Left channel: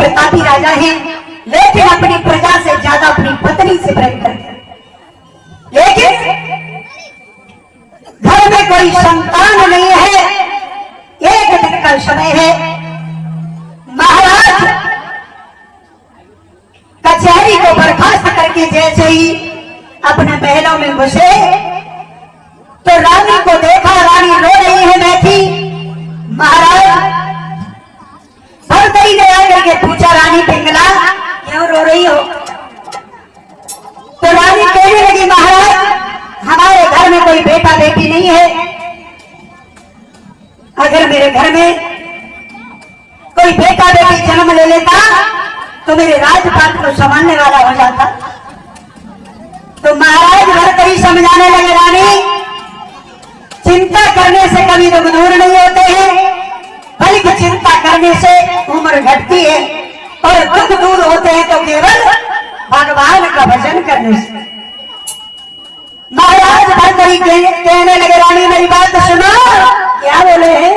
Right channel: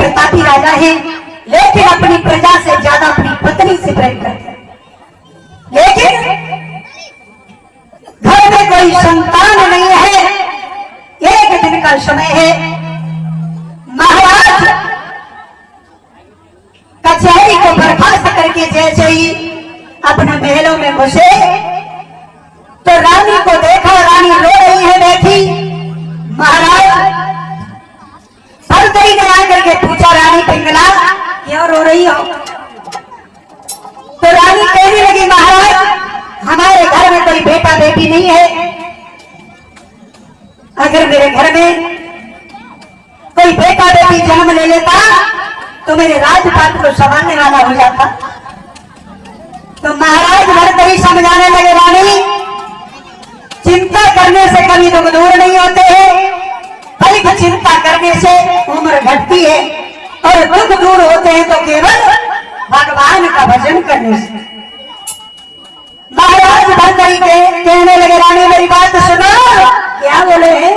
प्रतापी राजा है, लेकिन अपनी प्रजा से ज्यादा अपनी पत्नी से प्रेम करते हैं। लेकिन घर में कोई संतान नहीं है। एक दिन का समय है, महाराज कचहरी को बर्खास्त करके जैसे ही अपने महलों में घुसे तो रानी को देखा, रानी रो रही है बैठी। महाराज भरतरी ने आकर के पूछा, रानी पिंगला क्यों रो रही हो? तो रानी कहने लगी, महाराज हमारे घर में कोई बेटा बेटी नहीं है। अगर मेरे घर में कोई बेटा बेटी जन्म ले लेता तो मेरे राजपाट को संभालने वाला हो जाता। तो महाराज भरतरी समझाने लगे, रानी चिंता करने से कभी दुख दूर नहीं होते हैं, बल्कि चिंता करने से उम्र घटती है, और दुख दूर होते हैं तो केवल भगवान का भजन करने से। महाराज भरतरी कहने लगे, रानी मेरी बात सुनो। क्या बोले हैं?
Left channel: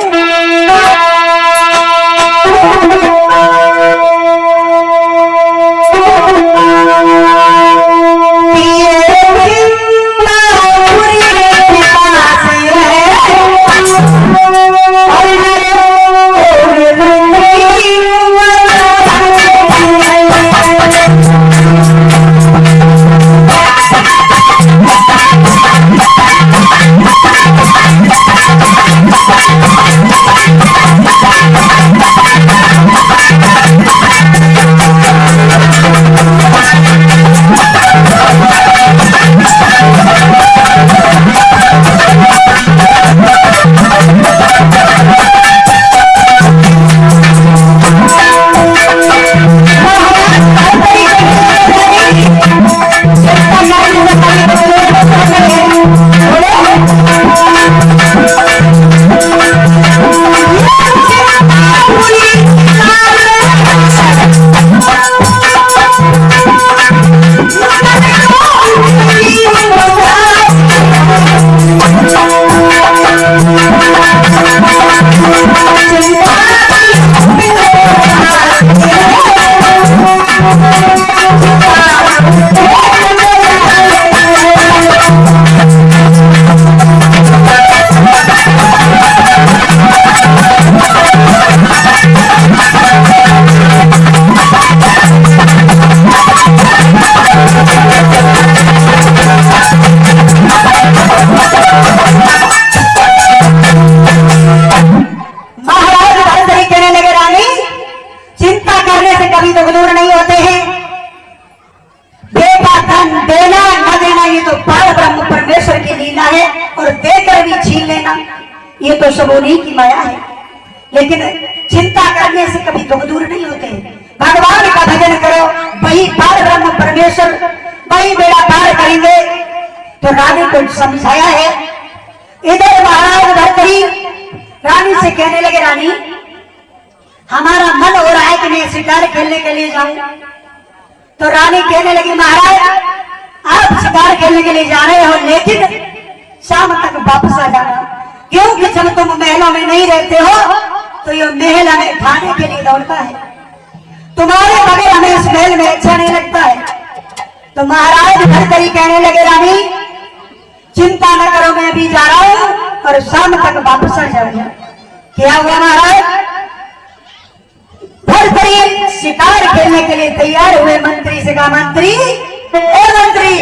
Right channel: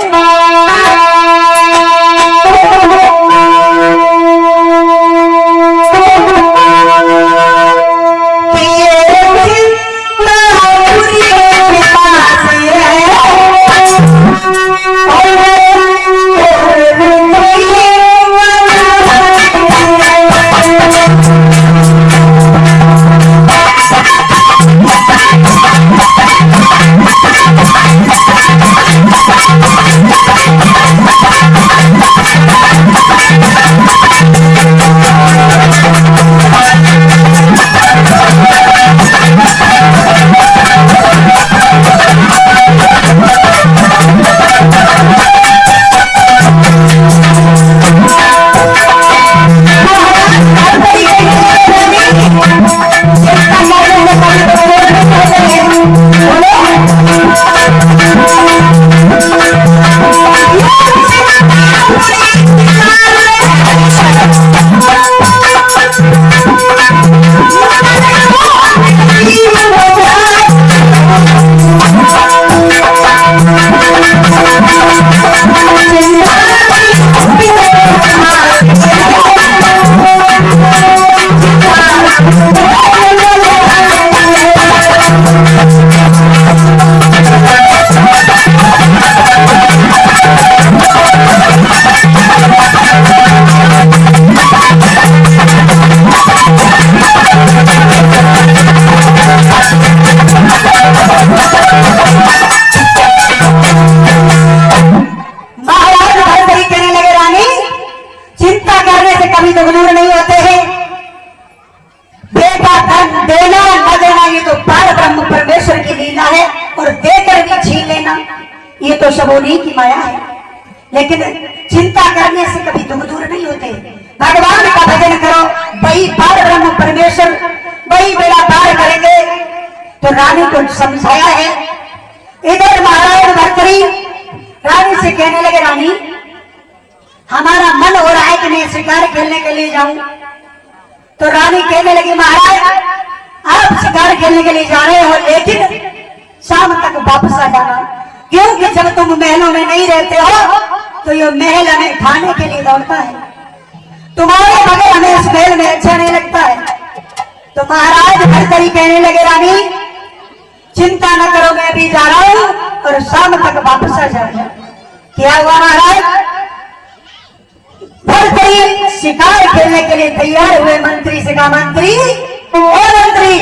लेकिन चिंता करने से कभी दुख दूर नहीं होते। भगवान का भजन करो, वही पार ब्रह्म परमेश्वर वही बेड़ा पार करेंगे। तो रानी को समझाया है। इधर महाराज भरतरी रानी से कहने लगे, रानी हमारा मन हो रहा है कि मैं शिकार खेलने के लिए जाऊं। तो रानी कहने लगी, महाराज आप शिकार खेलने के लिए जा रहे हो, लेकिन शाम तक वापस आ जाना, क्योंकि जब तुम महलों में नहीं रहते हो तो ये महल हमें खाने के लिए दौड़ता है, तुम्हारे बगैर हमें उस महल में अच्छा नहीं लगता है। तो महाराज भरतरी कहने लगे, रानी चिंता न करो, मैं अभी जा रहा हूं और शाम तक वापस आ जाऊंगा। क्या हुआ महाराज? भरतरी शिकार खेलने के लिए तैयार हुए। मंत्री से कहा, मंत्री ओ मंत्री